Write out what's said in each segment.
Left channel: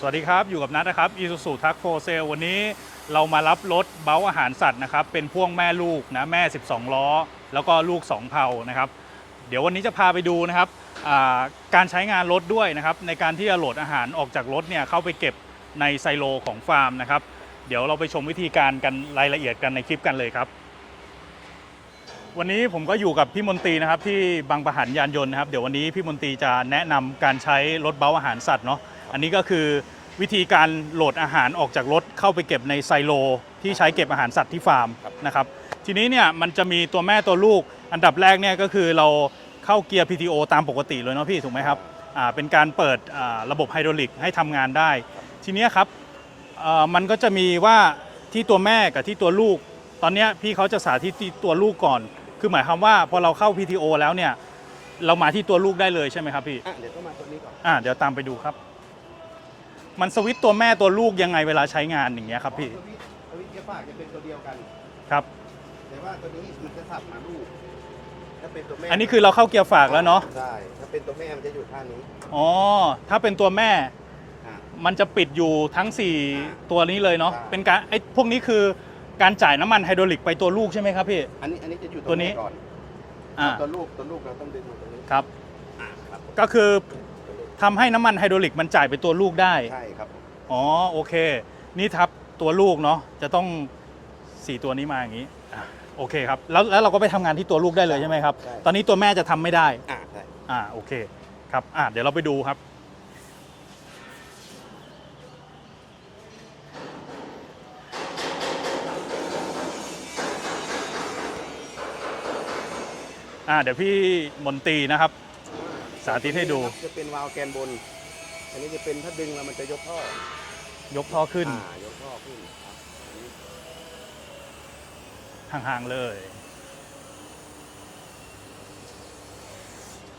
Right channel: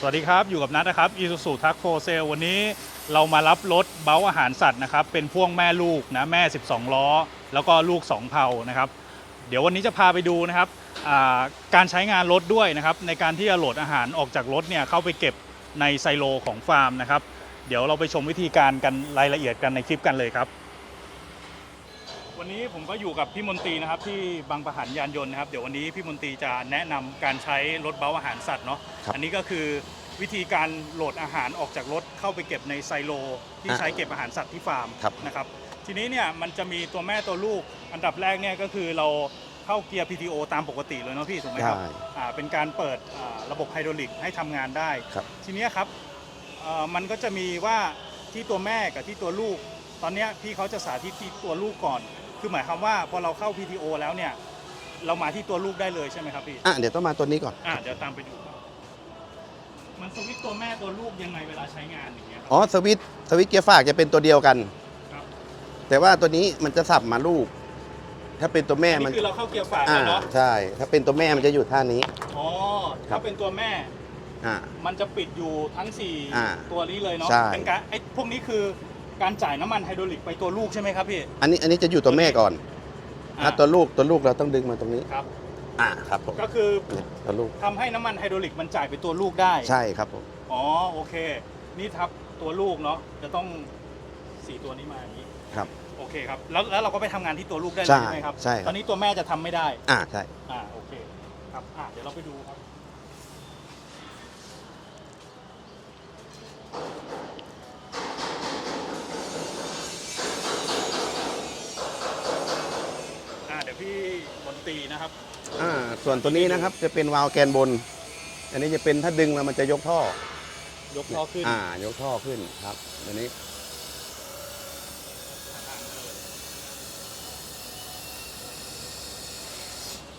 สวัสดีครับ อยู่กับนัทนะครับอี u ู u ทักโฟเซลวันนี้เรามารับรถเบ้าอาหารสัตว์นะครับ เป็นพ่วงแม่ลูกนะ แม่ 12 ล้อ แล้วก็ลูก 2 เผานะครับ เดี๋ยววันนี้จะพาไปดูนะครับการใช้งานรถด้วยนะครับ ในการที่จะโหลดอาหารออกจากรถเนี่ยเข้าไปเก็บในไซโลของฟาร์มนะครับ เดี๋ยวเราไปชมวิธีการกันรายละเอียดกันในคลิปกันเลยครับ วันนี้ผมก็อยู่กับพี่มนตรีนะครับที่บางประหันยานยนต์นะครับ เดี๋ยววันนี้พี่มนตรีจะแนะนำการใช้รถเบ้าอาหารสัตว์เนาะครับ อันนี้ก็คือวิธีการโหลดอาหารออกจากรถเข้าไปเก็บในไซโล ที่ใช้เก็บอาหารสัตว์ที่ฟาร์มครับ นะครับ ทีนี้เนี่ยมันจะมีตัวแม่ตัวลูก อันดับแรกเนี่ยก็คือเราเข้าเกียร์ PTO ตามปกติเลยเนาะพี่ถูกไหมครับ ใช่ อ่าเป็นการเปิดอ่าระบบไฮดรอลิกให้ทำงานได้ ครับทีเนี้ยครับเอ่อมันก็จะมีว่าที่ตัวแม่กับที่ตัวลูก ตอนเนี้ยพี่เขาจะสาธิตที่ตัวลูกก่อน คือหมายความว่าพอเราเข้า PTO แล้วเนี่ย เรามาที่ตัวลูกได้เลยใช่ไหมครับพี่อะเดี๋ยวต้องมาตัวนี้ก่อน อ่าเดี๋ยวตามไปดูครับ มันสวิตช์ตัวแม่ตัวลูกยังไงเวลาใช้งานอย่างเงี้ยครับอ๋อ พี่สวิตช์สวิตช์เกียร์ฝากจะเป็นตัวเดียวกัน ครับ แต่ว่าตัวนี้มันจะสับมาลูก ถ้าเป็นตัวแม่อันนี้มัคือเราเข้าเกียร์ฝากแล้วเนาะอ่ใช่ ถ้าเป็นตัวแม่มันจะอยู่ท่านี้ อ๋อถ้าเป็นตัวแม่ อ่า มันจะปิดอยู่ทั้ง อ่า4 ตัวนี้เลยเนาะใช่ เป็นการไอ้พวกนี้คือ การจ่ายน้ำมันไฮดรอลิกไปตัวลูกใช่ไหมครับพี่ อันนี้อันนี้จะอยู่ตัวตัวนี้ แม่ก่อนอ่าอะตัวลูกตัวลูกเราต้องดึงมาตรงนี้ครับ อ่าครับผมก็คือเนี่ยตัวลูกทำให้น้ำมันไฮดรอลิกมันจ่ายไปตัวลูกได้ ใช่ครับผมอ๋อโอเค นี่ทับตัวลูกเนาะจะต้อง4ตัวนี้มาอย่างนี้ ครับ โอเคครับ แล้วแล้วเราก็ไปทำงานที่ตัวลูกได้เลยใช่ใช่ไหมครับ ใช่ ตอนนี้ตัวแม่จะทำไม่ได้ อ่าใช่ อ่าโอเคครับอ่าเดี๋ยวเราไปดูครับ เดี๋ยวพี่มนตรีนะครับ อ่าส่วนสาธิตัวตให้นี้ดูนะครับจะเป็นวาล์วแกนบน อันนี้จะเป็นถ้าดึงแล้วมันจะยกท่อ ยกท่อขึ้นอ่ายกท่อขึ้นครับอันนี้ห่างๆเลย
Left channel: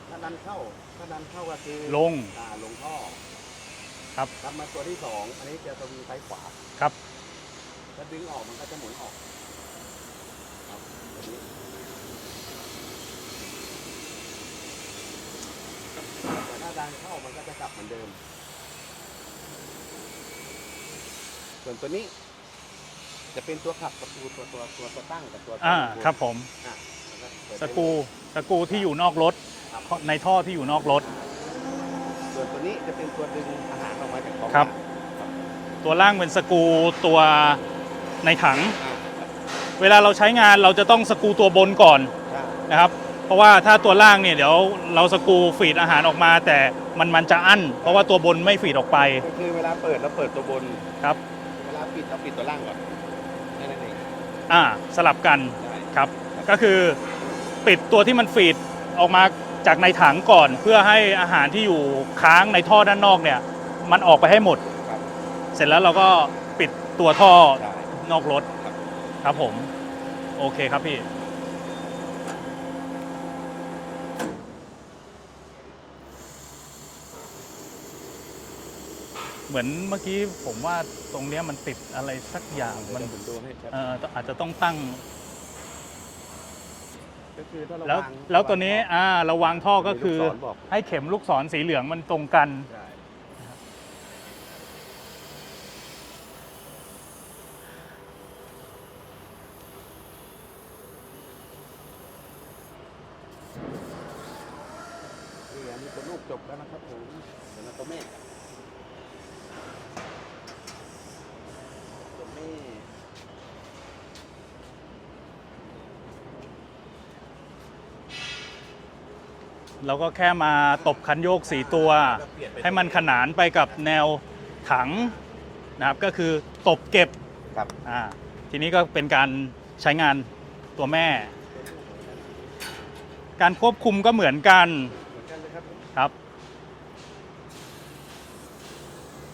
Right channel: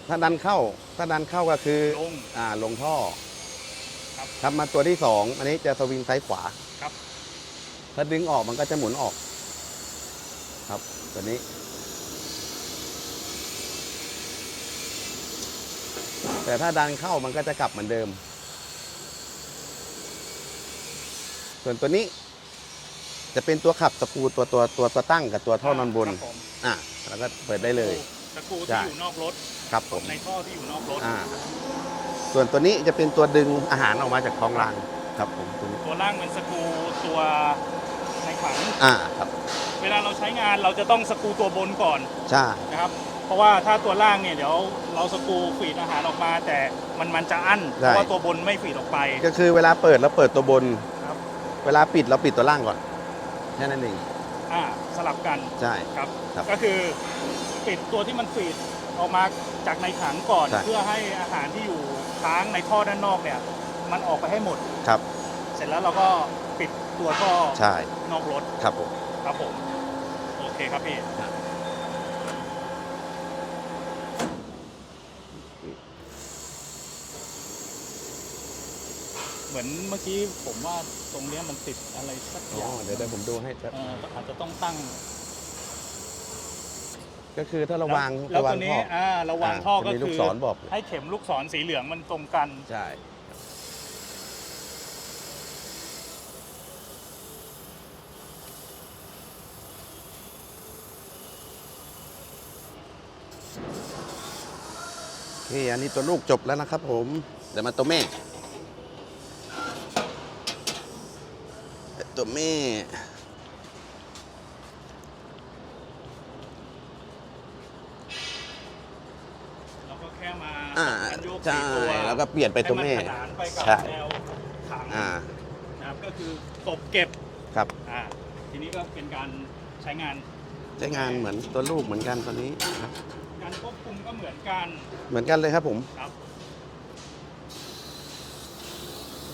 ถ้าดันเข้า ถ้าดันเข้าก็คือลง อ่าลงท่อ ครับครับมาตัวที่สองอันนี้จะสวิงซ้ายขวาครับ ถ้าดึงออกมันก็จะหมุนออก ครับตัวนี้ แต่ถ้าดันเข้ามันก็จะกลับเหมือนเดิม ส่วนตัวนี้ จะเป็นตัวขับสกรูตัวตัวตัวตัวตั้งกับตัวท่ออ่ามันบนครับผมอะแล้วก็เปิดตะได้เลกูยตะกูที่จ้ะอยู่นอกรถครับผมในท่อที่อยู่นอกรถ อ่าส่วนตัวนี้จะเป็นตัวดึงอาหารออกมาจากท้องครับรางครับผมตัวนี้ตัวล่างเป็นสกรูตัวในถัง อ่าครับเวลาเราใช้งานเราจะต้องสกรูตัวบนก่อนใช่นะครับ เพราะว่าถ้าตัวล่างเนี่ยเดี๋ยวเราสกรูฟีดอาหารออกมา แต่มันมันจะอั้น เพราะว่าตัวบนไม่ฟีดออกไปก็คือเวลาเปิดเราเปิดตัวบนครับ เวลาปิดเราปิดตัวล่างก่อนแค่นั้นเองอ่าสลับกันใช่ครับครับก็คือปิดตัวที่มันฟีดออกมาจากในถังก่อนใช่เพื่อให้อาหารที่อยู่ค้างในท่อด้านนอกเนี่ย มันออกไปให้หมดครับ เสร็จแล้วเราก็ปิดตัวท่อใช่นอกรถครับผมครับผม โอเคครับพี่ เหมือนเมื่อกี้ผมว่าตรงเนี้ยมันติดอะไรสักอย่างเดี๋มันยวผมดูให้ครับ เอ่ออาจจะต้องตั้ง ก็คือถ้าเราแล้ววางแล้วเาตัวนี้ท่ออ่าเราวางท่อก็จะมีคือลูศรบอกให้เข็มลูกศรสีเหลืองมันตรงกัน ใช่โอเคอันนี้ตัวลูกจบแล้วนะครับผม เดี๋ยวมาตัวแม่ ตัวแม่ เราก็แค่มาตบคันโยกใช่สีตัวแล้วก็เปลี่ยนไปให้ตัวมันแม่ขนานไปกับใช่ แนวถังอ่านะครับ ก็คือตบเก็บครับอ่าทีนี้ก็เป็นการใช้งานตัวแม่ เหมือนตัวลูกเหมือนกันตัวนี้ครับการควบคุมก็เหมือนกันเหมือนกันเลยครับผม ครับ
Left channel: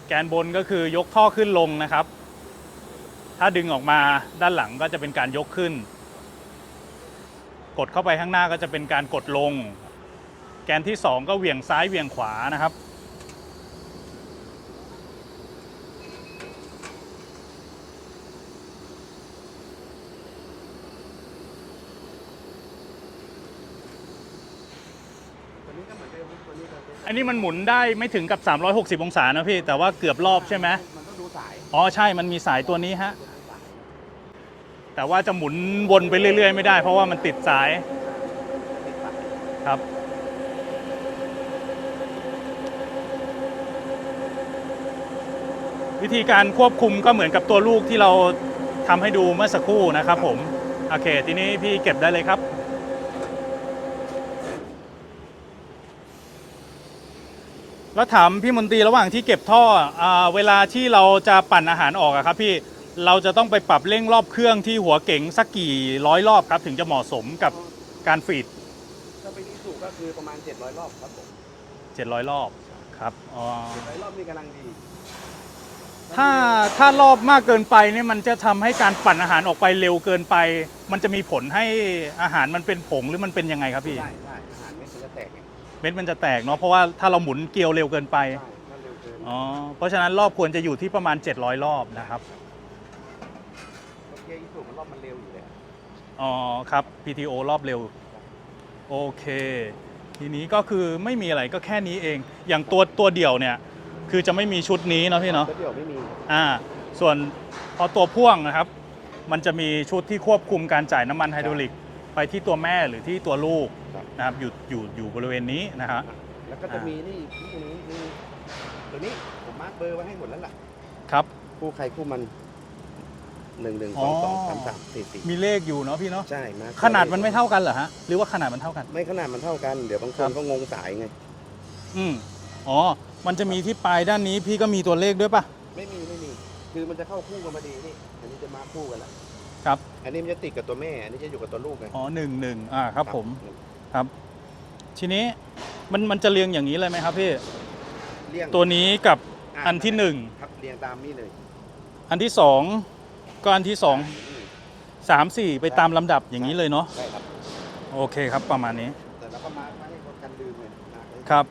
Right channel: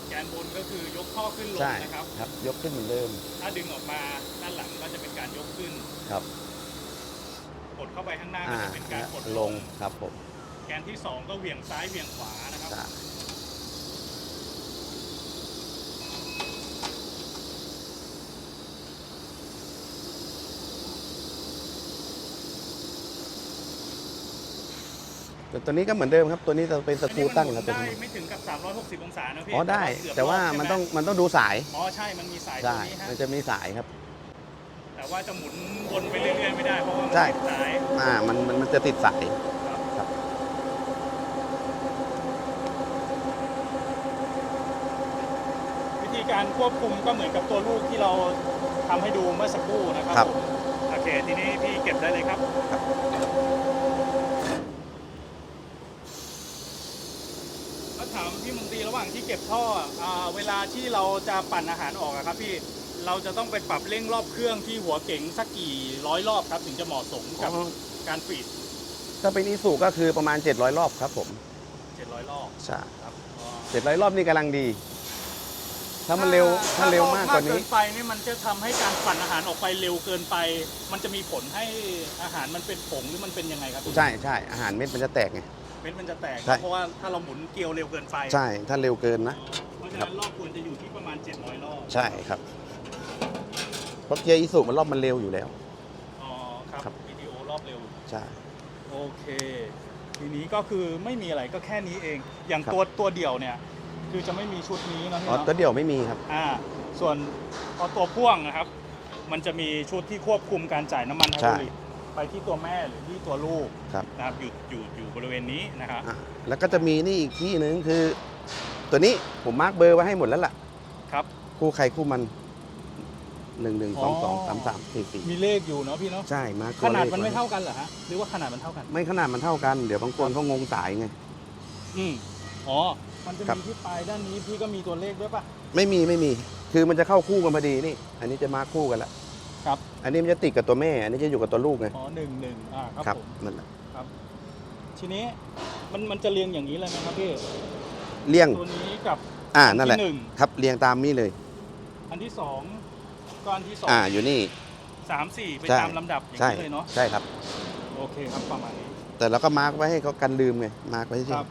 แกนบนก็คือยกท่อขึ้นลงใช่นะครับครับ ยกขึ้นเหมือนเดิม ถ้าดึงออกมาด้านหลังก็จะเป็นการยกขึ้น ครับ กดเข้าไปข้างหน้าก็จะเป็นการกดลง ครับผม แกนที่ 2 ก็เหวี่ยงซ้ายเหวี่ยงขวานะครับ ส่วนตัวนี้ก็เหมือนเดิมครับตัวนี้จะเป็นสกรูอันนี้มันตั้งหมุนของได้ตัวไม่ถึงกับ 360 องศานะพี่อ๋อแต่ว่าได้เกือบแต่รอบว่าใช่ไหมนต้องมันต้องดูสายอ๋อใช่ มันมีสายตัวนี้ฮะ มันจะมีสายครับแต่ว่าจะหมุนวนไปเรื่อย ๆ ไม่ได้ เพราะว่ามันใช่ติดสายอ่ามันมันมันจะติดสายครับครับ วิธีการควบคุมก็เหมือนกับตัวลูกที่เราทำให้ดูเมื่อสักครู่นะครับผม โอเค ทีนี้พี่เก็บได้เลยครับ แล้วถามพี่มนตรีระหว่างที่เก็บท่ออาเวลาที่เราจะปั่นอาหารออกอะครับพี่เราจะต้องไปปรับเร่งรอบเครื่องที่หัวเก๋งสักกี่ร้อยรอบครับ ถึงจะเหมาะสมกับการฟีดถ้าเป็นอีสูก็คือประมาณ 700 รอบครับผม700 รอบใช่ครับอ๋อ700 รอบนี่กำลังดี ถ้ามันเร็วถ้ารอบมากเกินว่ไปเนี่ยมันจะทำให้การปั่นอาหารออกไปเร็วเกินไป มันจะมีผลให้อาหารมันเป็นผงหรือมันเป็นยังไงครับพี่ ใช่ใช่อาหารเม็ดมันจะแตกไงเม็ดมันจะแตกใช่เนาะเพราะว่าถ้าเราหมุนเกลียวเร็วเกินไปใช่ ถ้าเร็วเกินนะอ๋อเพราะฉะนั้นรอบควรจะอยู่ที่ประมาณ 700 รอบใช่นะครับครับเพราะเกียร์อีสูมันรอบมันเร็วอยู่แล้ว อ๋อครับครับ PTO รอบเร็ว ใช่ โอเค ทีนี้ก็คือไม่มีอะไรก็แค่นี้เอง อย่างครับ ตัวตัวเดี่ยวเนี่ย คือจะไม่มีชุดนี้เนาะพี่เนาะก็เดี๋ยวไม่มีครับ อ่า ส่วนพอตัวพ่วงนะครับ มันจะมีชุดที่ควบคุมการจ่ายน้ำมันไฮดรอลิก ไปที่ตัวแม่หรือที่ตัวลูกครับ นะครับอยู่อยู่อยู่บริเวณนี้นะฮะอะแล้วก็จะมีนี่อีกที่หนึ่งคือ ตัวนี้ผมมาร์กเบอร์ไว้ให้หมดแล้วล่ะ ครับ คู่ใครคู่มันหนึ่งหนึ่งสองสองอ๋อสามสามสี่สี่มีเลขอยู่เนาะพี่เนาะใช่มาร์คขนาดมันไม่เท่ากันเหรอฮะหรือว่าขนาดมันเท่ากัน ไม่ขนาดมันเท่ากันเดี๋ยวบางคนเขางงสายไง อืมอ๋อมันจะครับมีที่ปลายด้านนี้พี่ก็มีตัวเลขด้วยปะไม่มีไม่มี คือมันจะเข้าคู่กันพอดีนี่ อันนี้จะมาร์คคู่กันละ ครับ อันนี้มันจะติดกับตัวแม่ อันนี้จะอยู่กับตัวลูกไงอ๋อหนึ่งหนึ่งอ่าครับผมนั่นแหละครับ ทีนี้มันมันจะเรียงอย่างนี้เลยไหมครับพี่เลี่ยงตัวนี้กับอ่าอันนั่นที่แหละหนึ่งครับเรียงตามนี้เลยอันที่สองก็อันที่สองอ่าอยู่นี่ สามสี่ไปใช่ ตามลำดับอย่างนี้ใช่เลยเนาะใช่ครับ โอเคครับประมาณนี้แต่เราก็มาร์กไว้ให้เขากันลืมไงมาร์กไว้ให้ครับ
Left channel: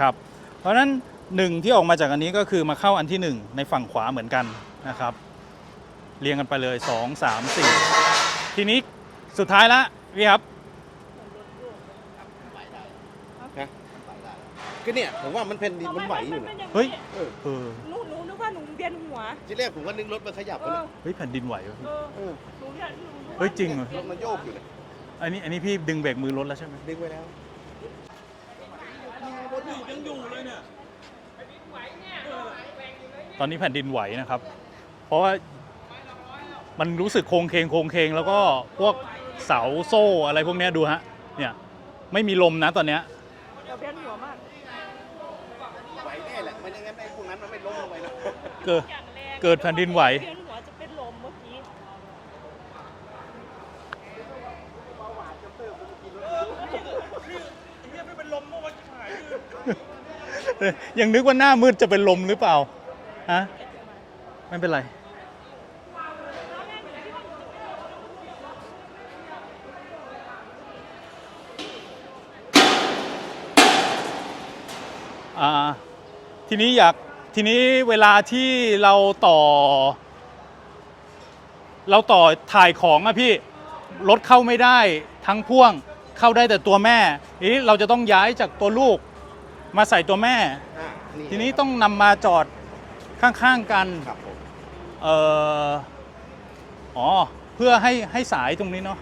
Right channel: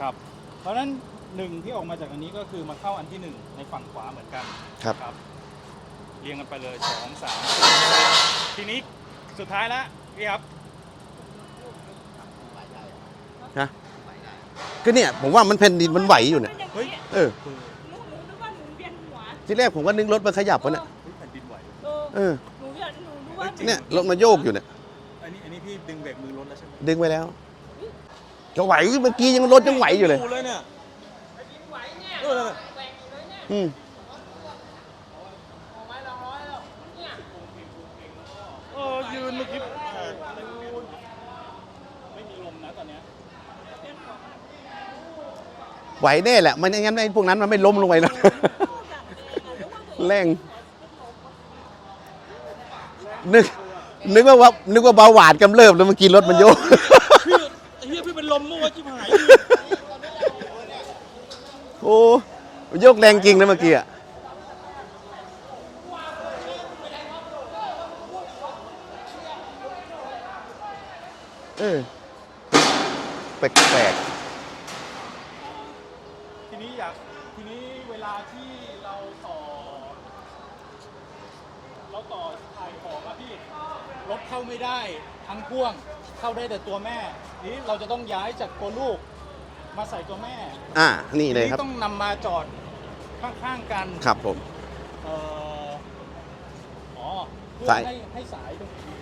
ครับ เพราะฉะนั้นหนึ่งที่ออกมาจากอันนี้ก็คือมาเข้าอันที่หนึ่งในฝั่งขวาเหมือนกันนะครับ เรียงกันไปเลยสองสามสี่ทีนี้สุดท้ายละพี่ครับก็เนี่ยผมว่ามันแผ่นดินมันไหวอยู่เนี่ยเฮ้ย เออเออหนูหนูนึกว่าหนูเวียนหัวที่แรกผมก็นึกรถมันขยับวะเนี่ยเฮ้ยแผ่นดินไหววะเออเออหนูเวียนหนูเฮ้ยจริงเนี่ยเหรอรถมันโยกอยู่เนี่ยอันนี้อันนี้พี่ดึงเบรกมือรถแล้วใช่ไหมดึงไปแล้วจะไหวเมื่อกี้ยังรถยังไหวอยู่เลยเนี่ย ตอนนี้แผ่นดินไหวนะครับ เพราะว่า มันรู้สึกโครงเคงโครงเคงแล้วก็พวกเสาโซ่อะไรพวกเนี้ยดูฮะเนี่ยไม่มีลมนะตอนเนี้ยเราเวียนหัวมากไหวแน่แหละมันอย่างนั้นไอ้พวกนั้นมันไม่ล้มลงไปหรอกเกิดอย่างแรงเกิดแผ่นดินไหวแรงหัวจะเป็นลมเมื่อกี้นึกนึกว่าว่านึกว่าเบาหวานกำเริบแล้วเมื่อกี้รถมันโยก พี่เฮียพี่เป็นลมเมื่อวานจิบหายยังนึกว่าหน้ามืดจะเป็นลมหรือเปล่ามันโยกแรงจริงนะเมื่อกี้อะไม่เป็นไร เออแปลกอ่าทีนี้อยากทีนี้เวลาที่เราต่อ เราต่อถ่ายของอะพี่รถเข้าไม่ได้ทั้งพ่วงเข้าได้แต่ตัวแม่ทีนี้เราจะต้องย้ายจากตัวลูกมาใส่ตัวแม่ๆอ่านี่ทีเลยนี้ครับต้องนำมาจอดข้างๆกันครับผม เอ่ออ๋อเพื่อใส่ให้ให้สายตรงนี้เนาะ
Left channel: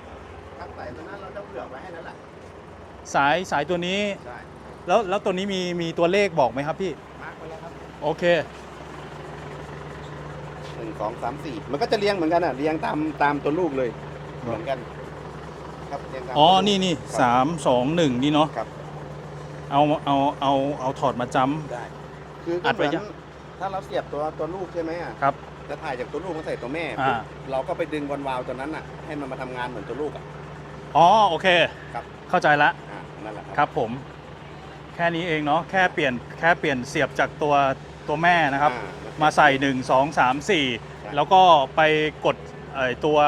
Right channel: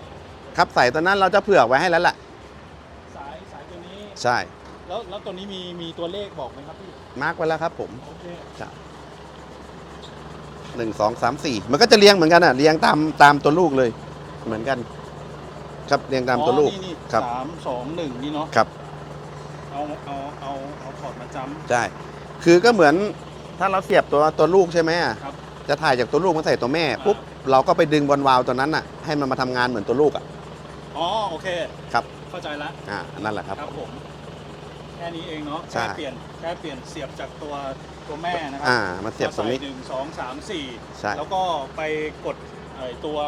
ครับใส่ตอนนั้นเราจะเผื่อไว้ให้แล้วล่ะ สายสายตัวนี้ ใช่ แล้วแล้วตัวนี้มีมีตัวเลขบอกไหมครับพี่ มาร์กไว้แล้วครับผมโอเค หนึ่งสองสามสี่มันก็จะเรียงเหมือนกันอะเรียงตามตามตัวลูกเลย เหมือนกัน ครับเรียงตามอ๋อ ตัวลูก นี่นี่ครับ สามสองหนึ่งนี่เนาะครับเอาเอาเอาเอาถอดมาจใช่คือก็เหมือนถ้าเราเสียบตัวตัวลูกใช่ไหมอะำครับจะถ่ายจากตัวลูกมาใส่ตัวแม่อ่าปุ๊บเราก็ไปดึงบอลวาล์วตัวนั้นอะให้มันมาทำงานเหมือนตัวลูกอะอ๋อ โอเค ครับ เข้าใจละอ่านั่นแหละครับ ครับผม แค่นี้เองเนาะใช่แค่เปลี่ยนแค่เปลี่ยนเสียบจากตัวตัวแม่นะครับ อ่ามาเสียบมาใส่ ตรงนี้ 1 2 3 ใช่ 4 แล้วก็ไปกดไอ้ตัว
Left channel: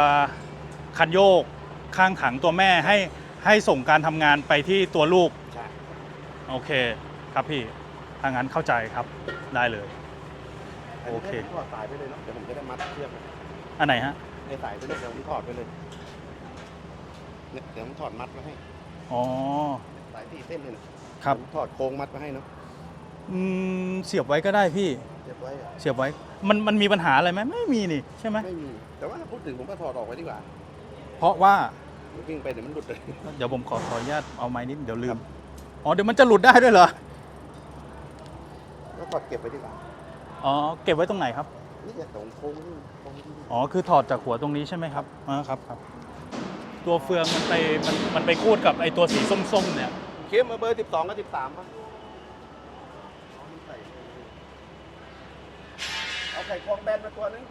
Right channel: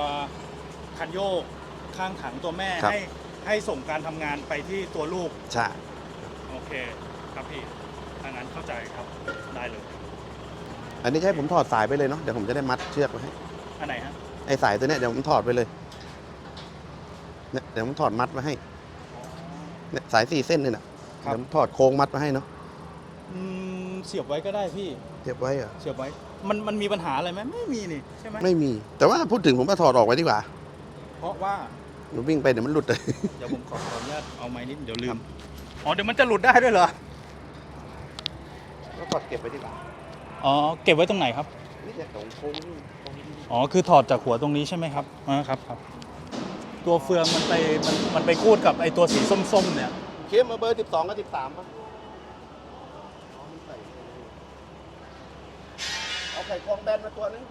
คันโยกข้างถังตัวแม่ครับ ให้ให้ส่งการทำงานไปที่ตัวลูก ใช่ โอเคครับพี่ถ้างั้นเข้าใจครับได้เลย อันนี้จะให้ผมถอดสายไปเลยเนาะ เดี๋ยวผมจะได้มัดเชือกไว้ให้อันไหนฮะ ไอ้สายตัวเนี้ยเดี๋ยวผมถอดไปเลยเนี่ยเดี๋ยวผมถอดมัดไว้ให้ อ๋อ เนี่ยสายสี่เส้นนี่นะครับเดี๋ยวถอดโครงมัดมาให้เนาะอืมเสียบไว้ก็ได้พี่ เก็บไว้เหรอะเสียบไว้ มันมันมีปัญหาอะไรไหมไม่มีนี่ใช่ไหมไม่มี แต่ว่าพูดถึงผมว่าถอดออกไว้ดีกว่าเพราะว่า มันวิ่งไปเดี๋ยวมันหลุดเลย เดี๋ยวผมขอขออนุญาตเอาไม้นิดเดี๋ยวลืม อ๋อเดี๋ยวมันจะหลุดได้ด้วยเหรอแล้วถอดเก็บไว้ดีกว่าอ๋อเก็บไว้ตรงไหนครับ นี่เนี่ยตรงโค้งนี่ตรงนี้อ๋อคือถอดจากหัวตรงนี้ใช่ไหมครับอ๋อครับครับ ตัวเฟืองมันไปมันมันไปคูดกับไอตัวสีส้มๆเนี่ย เข็มมาเบอร์สิบสองกับสิบสามป่ะเอาไข่ควงแบนมาตัวนึง